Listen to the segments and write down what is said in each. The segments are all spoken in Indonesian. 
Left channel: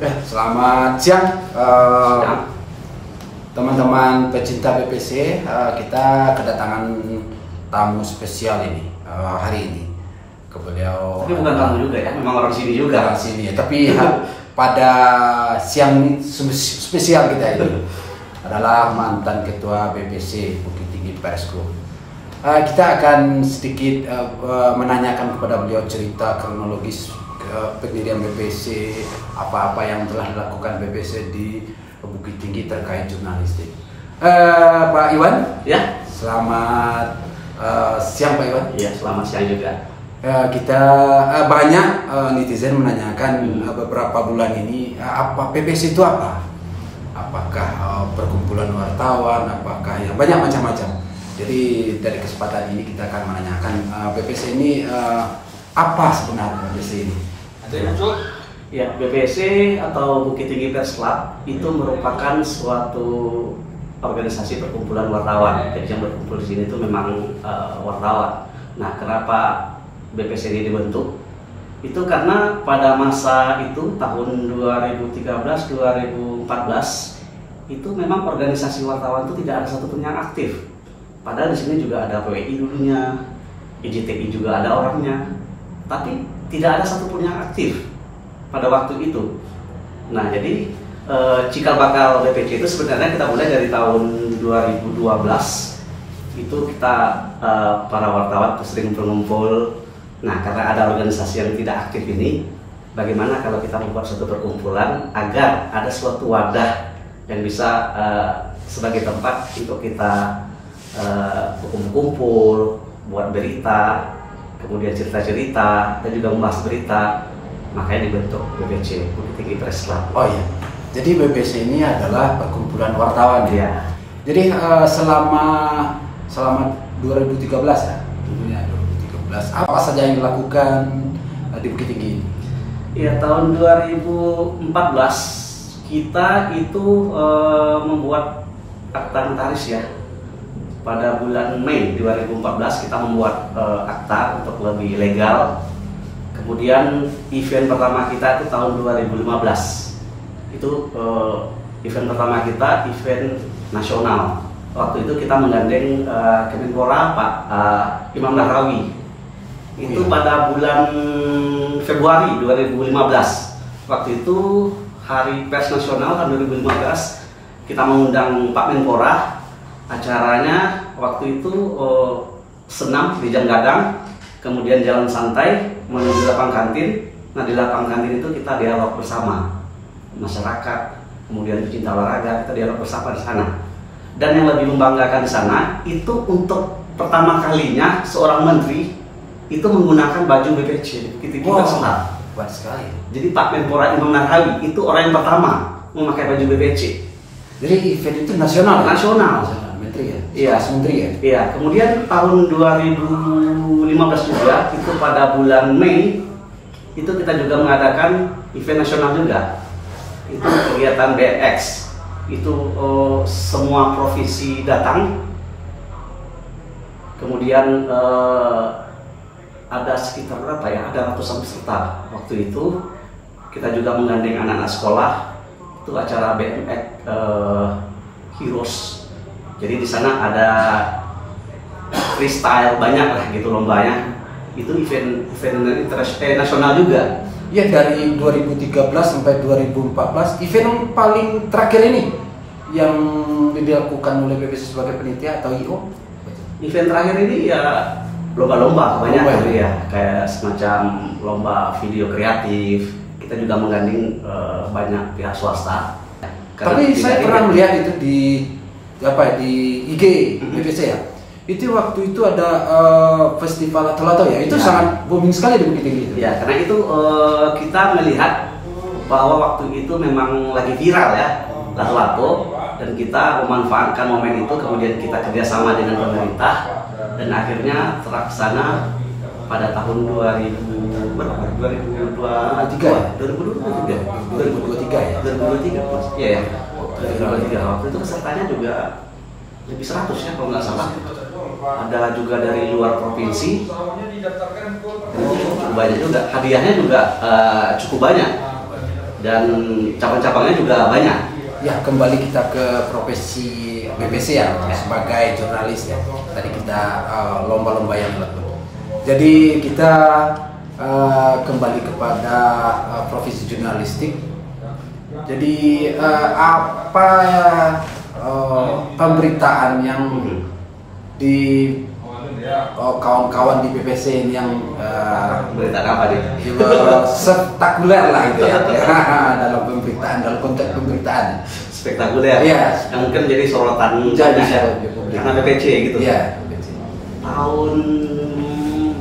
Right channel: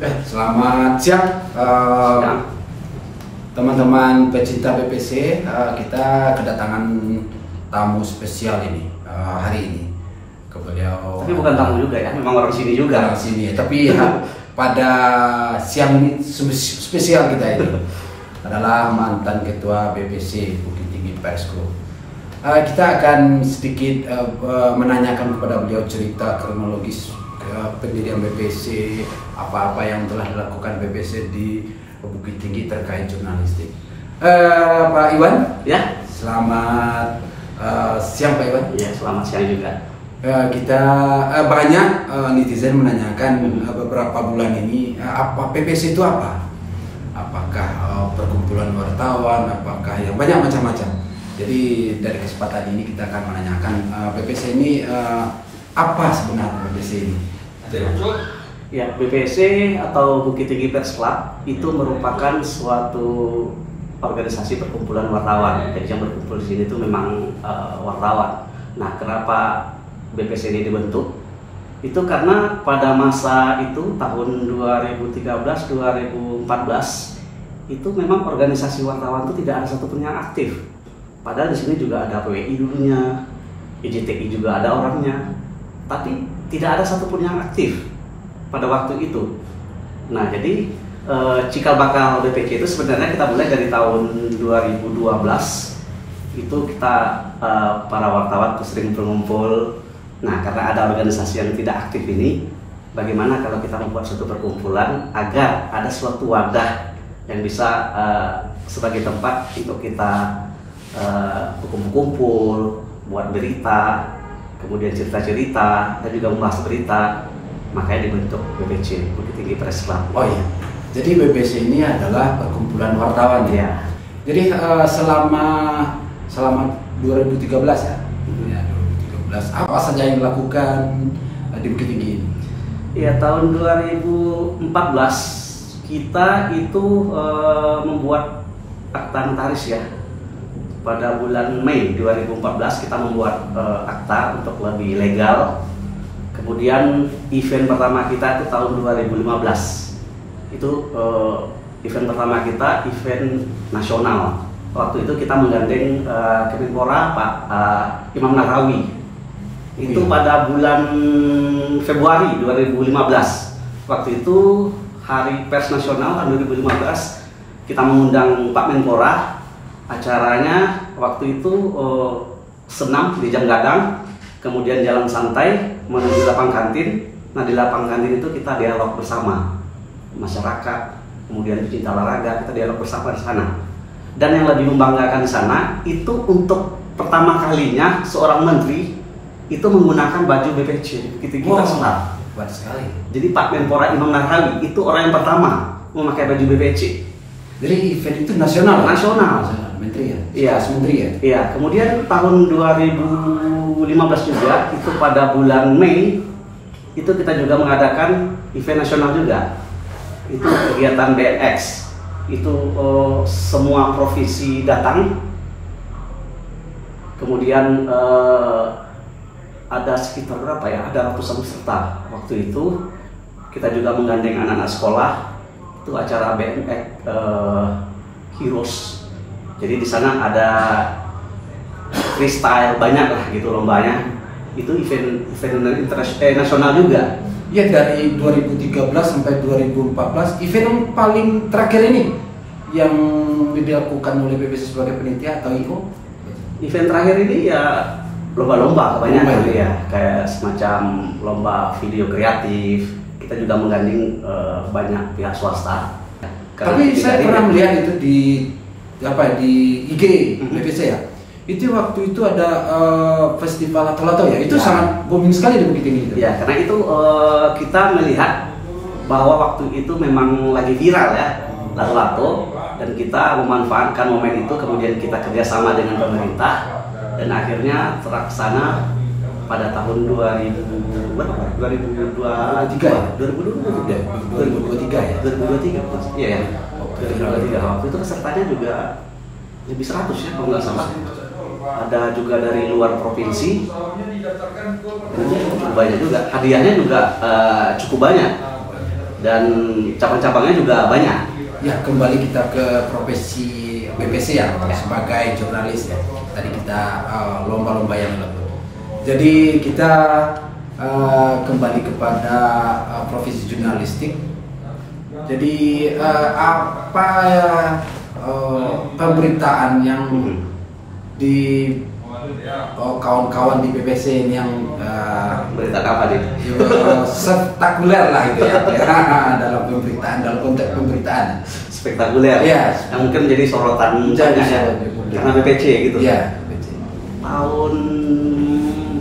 Selamat siang teman-teman pecinta BPC. Kita kedatangan tamu spesial ini hari ini. Beliau tapi bukan tamu juga ya, memang orang sini juga. Orang sini ya, tapi pada siang ini spesial kita ini adalah mantan ketua BPC Bukit Tinggi Pers Group. Kita akan sedikit menanyakan kepada beliau cerita kronologis pendirian BPC, apa-apa yang telah dilakukan BPC di Bukit Tinggi terkait jurnalistik. Pak Iwan, ya. Selamat siang Pak Iwan. Ya, selamat siang juga. Kita banyak netizen menanyakan beberapa bulan ini apa BPC itu apa? Apakah perkumpulan wartawan? Apakah yang banyak macam-macam? Jadi dari kesempatan ini kita akan menanyakan BPC ini apa sebenarnya BPC ini? Ya, BPC atau Bukit Tinggi Pers Club itu merupakan suatu organisasi perkumpulan wartawan. Jadi yang berkumpul di sini itu memang wartawan. Nah, kenapa BPC ini dibentuk? Itu karena pada masa itu tahun 2013-2014 itu memang organisasi wartawan itu tidak ada satupun yang aktif. Padahal di sini juga ada PWI dulunya, IJTI juga ada orangnya, tapi tidak ada satupun yang aktif pada waktu itu. Nah, jadi cikal bakal BPC itu sebenarnya kita mulai dari tahun 2012. Itu kita para wartawan sering berkumpul. Nah, karena ada organisasi yang tidak aktif ini, bagaimana kalau kita membuat suatu perkumpulan agar ada suatu wadah yang bisa sebagai tempat untuk kita berkumpul, buat berita, kemudian cerita-cerita, dan juga membahas berita. Makanya dibentuk BPC, Bukit Tinggi Pers Club. Oh iya, jadi BPC ini adalah perkumpulan wartawan ya? Jadi selama 2013 ya? 2013, apa saja yang dilakukan di Bukit Tinggi? Ya, tahun 2014 kita itu membuat akta notaris ya. Pada bulan Mei 2014 kita membuat akta untuk lebih legal. Kemudian event pertama kita itu tahun 2015. Itu event pertama kita event nasional. Waktu itu kita menggandeng Kemenpora Pak Imam Nahrawi. Itu pada bulan Februari 2015. Waktu itu Hari Pers Nasional tahun 2015 kita mengundang Pak Menpora. Acaranya waktu itu senam di Jam Gadang, kemudian jalan santai menuju lapang kantin. Nah, di lapang kantin itu kita dialog bersama masyarakat, kemudian pecinta olahraga, kita dialog bersama di sana. Dan yang lebih membanggakan di sana itu untuk pertama kalinya seorang menteri itu menggunakan baju BPC. Kita senang. Kuat sekali. Jadi Pak Menpora Imam Nahrawi itu orang yang pertama memakai baju BPC. Jadi event itu nasional. Menteri ya? Iya, menteri ya? Iya, kemudian tahun 2015 juga, itu pada bulan Mei, itu kita juga mengadakan event nasional juga. Itu kegiatan BNX. Itu semua provinsi datang. Kemudian ada sekitar berapa ya? Ada ratusan peserta. Waktu itu kita juga menggandeng anak-anak sekolah. Itu acara BNX Heroes. Jadi di sana ada freestyle banyak lah gitu lombanya. Itu event nasional juga. Ya, dari 2013 sampai 2014 event yang paling terakhir ini yang dilakukan oleh BPC sebagai penitia atau IO? Event terakhir ini ya lomba-lomba kebanyakan ya, kayak semacam lomba video kreatif. Kita juga menggandeng banyak pihak swasta. Tapi saya pernah melihat itu di IG BPC ya. Itu waktu itu ada festival Lato-Lato ya. Itu sangat booming sekali di Bukit Tinggi itu. Ya, karena itu kita melihat bahwa waktu itu memang lagi viral ya Lato-Lato, dan kita memanfaatkan momen itu, kemudian kita kerjasama dengan pemerintah dan akhirnya terlaksana pada tahun 2023 ya. 2023 Mas. Iya ya. 2023 waktu itu pesertanya juga lebih 100 ya kalau nggak salah. Ada juga dari luar provinsi. Cukup banyak juga. Hadiahnya juga cukup banyak. dan cabang-cabangnya juga banyak. Ya, kembali kita ke profesi BBC ya, sebagai jurnalis ya. Tadi kita lomba-lomba yang lalu. Jadi kita kembali kepada profesi jurnalistik. Jadi apa pemberitaan yang di kawan-kawan di BBC ini yang Berita apa nih? spektakuler lah gitu ya, dalam pemberitaan, dalam konteks pemberitaan Spektakuler. ya, Yang mungkin jadi sorotan Jadi banyak ya, sorotan di publik. karena BPC gitu. ya BBC. Tahun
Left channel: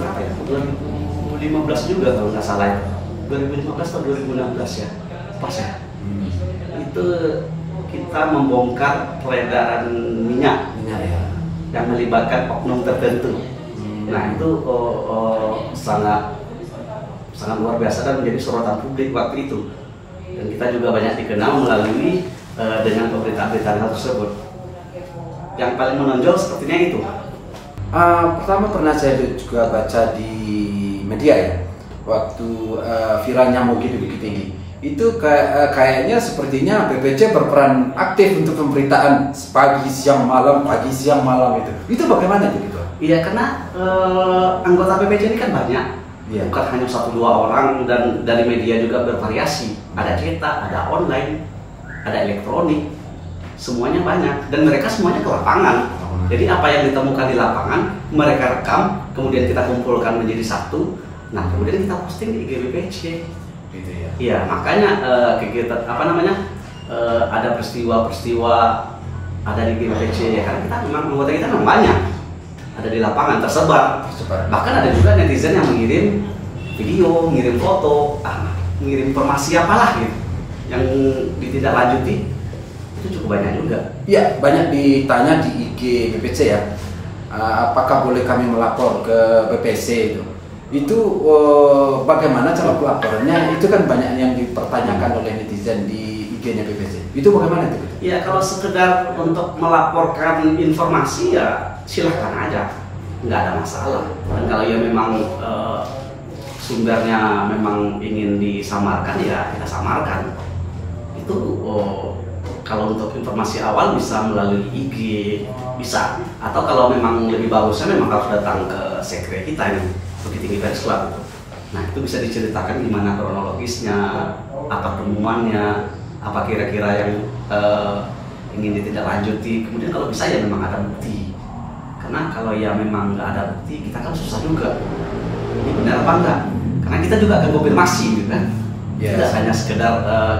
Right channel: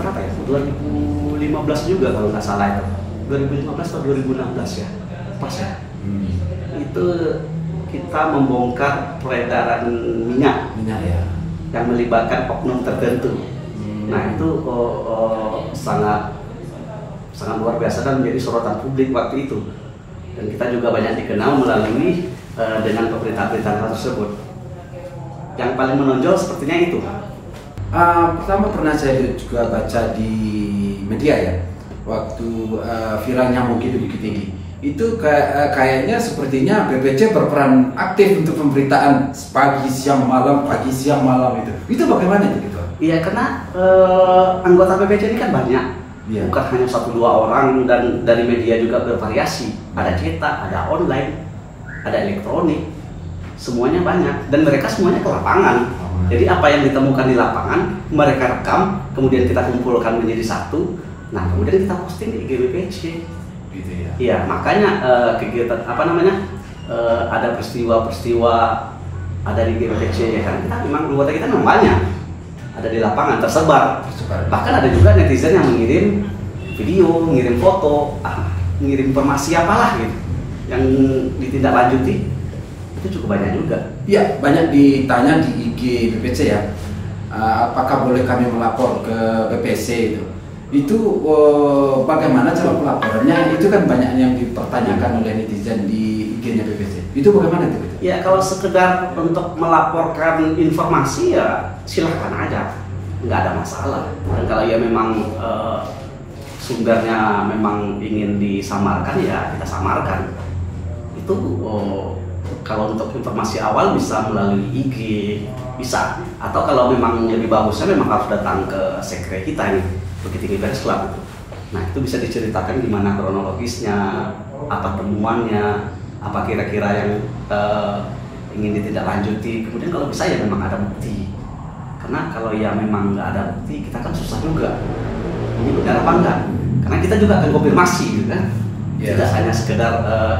berapa ya? 2015 juga kalau nggak salah itu. 2015 atau 2016 ya, pas ya. Itu kita membongkar peredaran minyak Ya. yang melibatkan oknum tertentu. Nah itu sangat luar biasa dan menjadi sorotan publik waktu itu. Dan kita juga banyak dikenal melalui dengan pemberitaan-pemberitaan tersebut. Yang paling menonjol sepertinya itu. Pertama pernah saya juga baca di media ya, waktu viralnya Mugi di Bukit Tinggi. Itu kayaknya sepertinya BBC berperan aktif untuk pemberitaan pagi siang malam itu. Itu bagaimana itu gitu? Iya, karena anggota BBC ini kan banyak, bukan hanya 1-2 orang, dan dari media juga bervariasi. Ada cetak, ada online, ada elektronik, semuanya banyak, dan mereka semuanya ke lapangan. Jadi apa yang ditemukan di lapangan mereka rekam, kemudian kita kumpulkan menjadi satu. Nah kemudian kita posting di IG BBC. Gitu ya. Iya, makanya kegiatan ada peristiwa-peristiwa ada di BBC ya, karena kita memang anggota kita memang banyak, ada di lapangan tersebar. Bahkan ada juga netizen yang mengirim video, mengirim foto, mengirim informasi apalah gitu, yang ditindaklanjuti. Itu cukup banyak juga. Iya, banyak ditanya di IG BBC ya. Apakah boleh kami melapor ke BBC itu? Itu bagaimana cara pelaporannya? Itu kan banyak yang dipertanyakan oleh netizen di IG-nya BBC. Itu bagaimana itu? Ya kalau sekedar untuk melaporkan informasi ya silahkan aja, nggak ada masalah. Dan kalau ya memang sumbernya memang ingin disamarkan ya kita samarkan. Itu kalau untuk informasi awal bisa melalui IG, bisa. Atau kalau memang lebih bagusnya memang harus datang ke sekre kita ini, Bukit Tinggi Pers Club. Nah itu bisa diceritakan gimana kronologisnya, apa temuannya, apa kira-kira yang ingin ditindaklanjuti. Kemudian kalau bisa ya memang ada bukti. Karena kalau ya memang nggak ada bukti, kita kan susah juga. Ini benar apa enggak? Karena kita juga akan konfirmasi gitu kan. Tidak hanya sekedar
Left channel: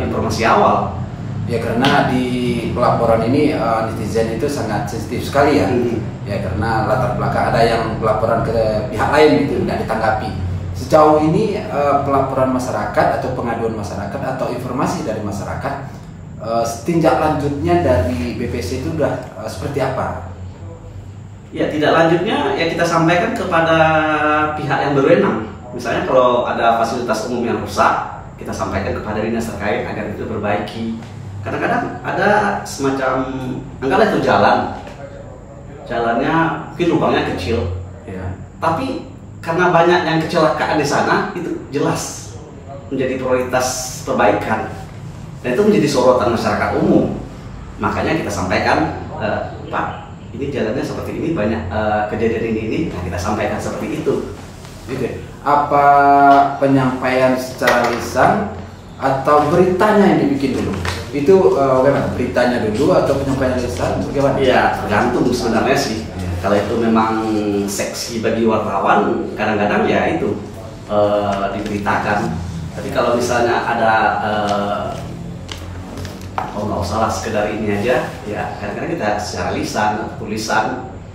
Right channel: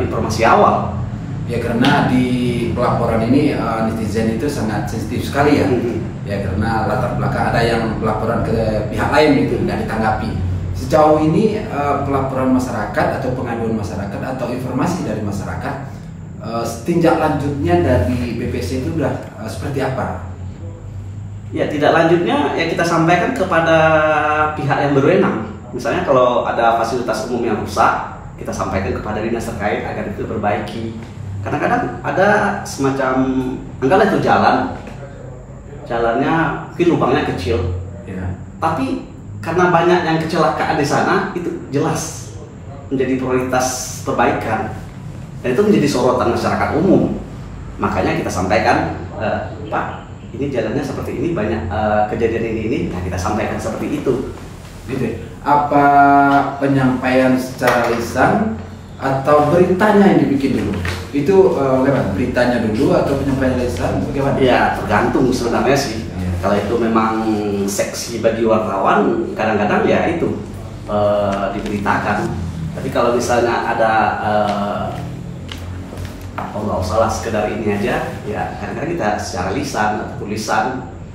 informasi awal. Ya karena di pelaporan ini netizen itu sangat sensitif sekali ya. Ya karena latar belakang ada yang pelaporan ke pihak lain itu tidak ditanggapi. Sejauh ini pelaporan masyarakat atau pengaduan masyarakat atau informasi dari masyarakat, tindak lanjutnya dari BBC itu sudah seperti apa? Ya tidak lanjutnya ya kita sampaikan kepada pihak yang berwenang. Misalnya kalau ada fasilitas umum yang rusak, kita sampaikan kepada dinas terkait agar itu diperbaiki. Kadang-kadang ada semacam, anggaplah itu jalannya mungkin lubangnya kecil, tapi karena banyak yang kecelakaan di sana, itu jelas menjadi prioritas perbaikan, dan itu menjadi sorotan masyarakat umum. Makanya kita sampaikan, Pak, ini jalannya seperti ini, banyak kejadian ini, nah kita sampaikan seperti itu. Gitu. Apa penyampaian secara lisan atau beritanya yang dibikin dulu? Itu bagaimana? Beritanya dulu atau penyampaian lisan? Bagaimana? Ya tergantung sebenarnya sih. Kalau itu memang seksi bagi wartawan, kadang-kadang ya itu diberitakan. Tapi kalau misalnya ada nggak usah lah sekedar ini aja, ya kadang-kadang kita secara lisan atau tulisan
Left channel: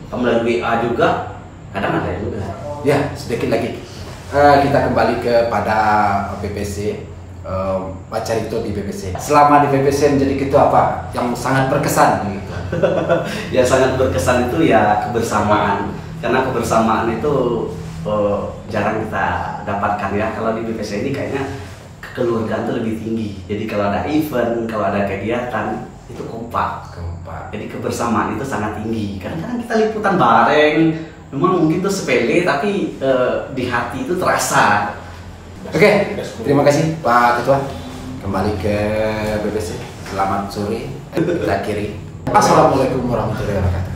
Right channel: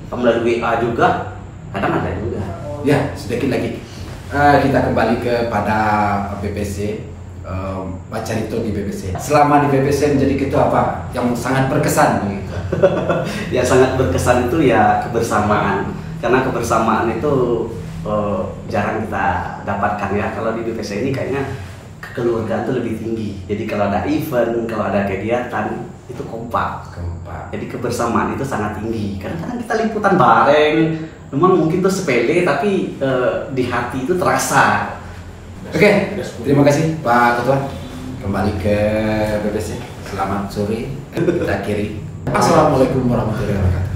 melalui WA juga, kadang ada juga. Ya sedikit lagi kita kembali kepada BBC. Pak Carito di BBC. Selama di BBC menjadi ketua apa yang sangat berkesan gitu? Yang sangat berkesan itu ya kebersamaan. Karena kebersamaan itu jarang kita dapatkan ya. Kalau di BBC ini kayaknya kekeluargaan itu lebih tinggi. Jadi kalau ada event, kalau ada kegiatan itu kompak. Jadi kebersamaan itu sangat tinggi. Kadang-kadang kita liputan bareng. Memang mungkin itu sepele tapi di hati itu terasa. Oke, terima kasih Pak Ketua. kembali ke BBC. Selamat sore. Kita akhiri. Assalamualaikum warahmatullahi wabarakatuh.